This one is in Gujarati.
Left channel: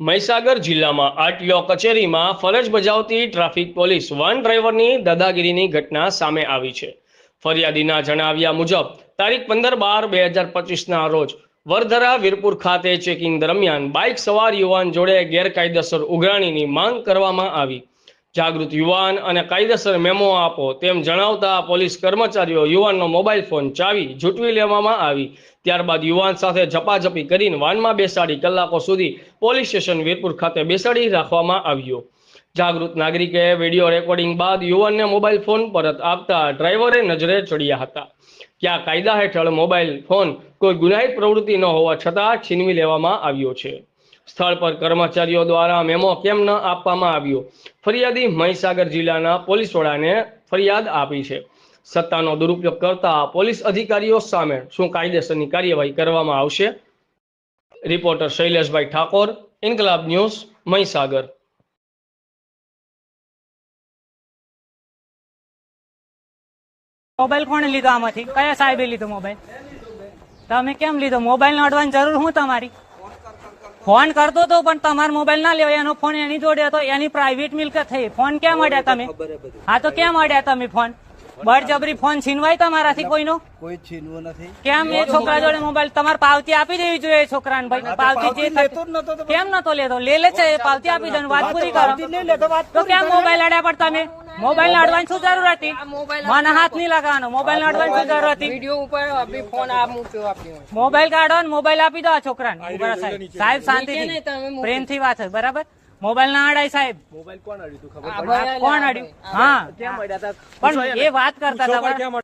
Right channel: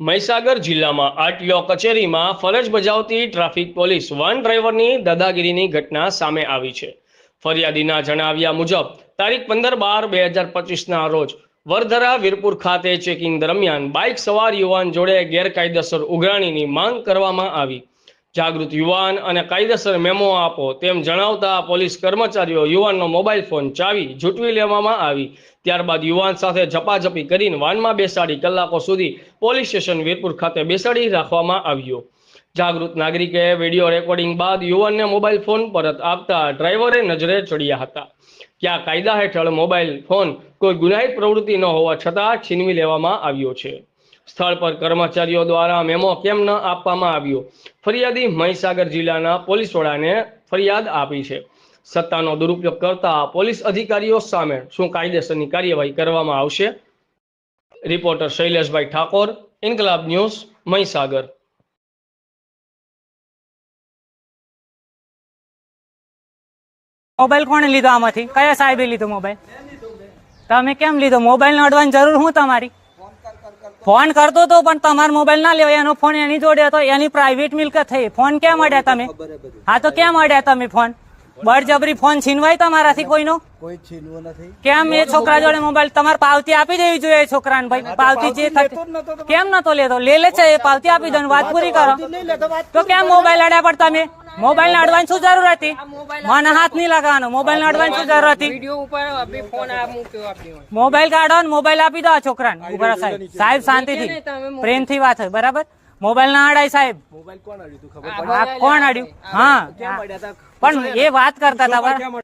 મહીસાગર જિલ્લામાં આરટીઓ કચેરીમાં ફરજ બજાવતી ટ્રાફિક પોલીસ વાન ડ્રાઈવરની દાદાગીરીની ઘટના સામે આવી છે। ફરિયાદીના જણાવ્યા મુજબ તારીખ 15/12/2025ના રોજ વરધરા વીરપુર ખાતે ચેકિંગ દરમિયાન બાઇક સવાર યુવાન જોડે ગેરકાયદેસર ઉઘરાણીની માંગ કરવામાં આવી। જાગૃત યુવાન અને કાયદેસર મેમો આપો તેમ જણાવતા પોલીસ કર્મચારીઓ યુવાનનો મોબાઈલ ફોન ચાવી ઝૂંટવી લેવામાં આવી। ત્યારબાદ યુવાન સાથે ઝપાઝપી કરીને વાનમાં બેસાડી કલાકો સુધી પોલીસ સ્ટેશન વીરપુર ખાતે બેસાડી રાખવામાં આવ્યો। જાગૃત નાગરિકે વિડીયો રેકોર્ડિંગ બાદ યુવાનને મોબાઈલ ફોન પરત આપતા ડ્રાઈવરે નજરે ચડ્યા હતા। ક્યાં કાયદા હેઠળ મોબાઈલ ફોન કોઈ ગુનાહિત પ્રવૃત્તિ ન હોવા છતાં છીનવી લેવામાં આવ્યો છે। સ્થળ પર કર્મચારીઓ દ્વારા મેમો કેમ ન આપવામાં આવ્યો? ફરિયાદી મહીસાગર જિલ્લાના પોલીસ વડાને ફરિયાદ આપી છે। સત્તાનો દુરુપયોગ કરતા પોલીસ અધિકારીઓ સામે શું કાયદેસરની કાર્યવાહી કરવામાં આવશે? રિપોર્ટર શૈલેષભાઈ ઠાકોર, ઇન્કલાબ ન્યૂઝ, મહીસાગર। મોબાઈલ કોણે લીધો? આમાંથી કયા સાહેબે લીધો મોબાઈલ? તમે કેમ લીધો? મોબાઈલ નોંધવાની જરૂર હું તમારી? ફોન કરતો તો પણ તમારો મોબાઈલ ના લેવાય, એનો ફોન એની જોડે હતો, એની પ્રાઇવેટ મિલકત થઈ। ફોન કેમ અડ્યા તમે? હા તો કેમ અડ્યા તમે ફોન? બળજબરી ફોન છીનવાય તમારાથી કોઈનો? કોઈ છીનવો નથી। કેમ એ છોકરા જોડે મોબાઈલ? તમારે પાવતી આપી દેવી જોઈએ એ છોકરાને ભાઈ। પાવતી જે કેમ નતો લેતો? લે છે એ પાવતી આપી દો, વાત પૂરી કરો। તો કેમ મોબાઈલ અડ્યા? પણ તમે મોબાઈલ ને અડવાની શું જરૂર હતી? મને હાથ નહીં લગાવવાનો। મોબાઈલ ને અડવાની શું જરૂર હતી? મોબાઈલ કાઢો ને મોબાઈલ આપી દો છોકરાને। સાહેબ શાંતિથી પ્રેમથી વાત હોય, બરાબર? મોબાઈલ ના અડાય સાહેબ। મોબાઈલ કોણ અડ્યું? કોણ અડ્યું? હા પણ એ વાત કરતા હતા।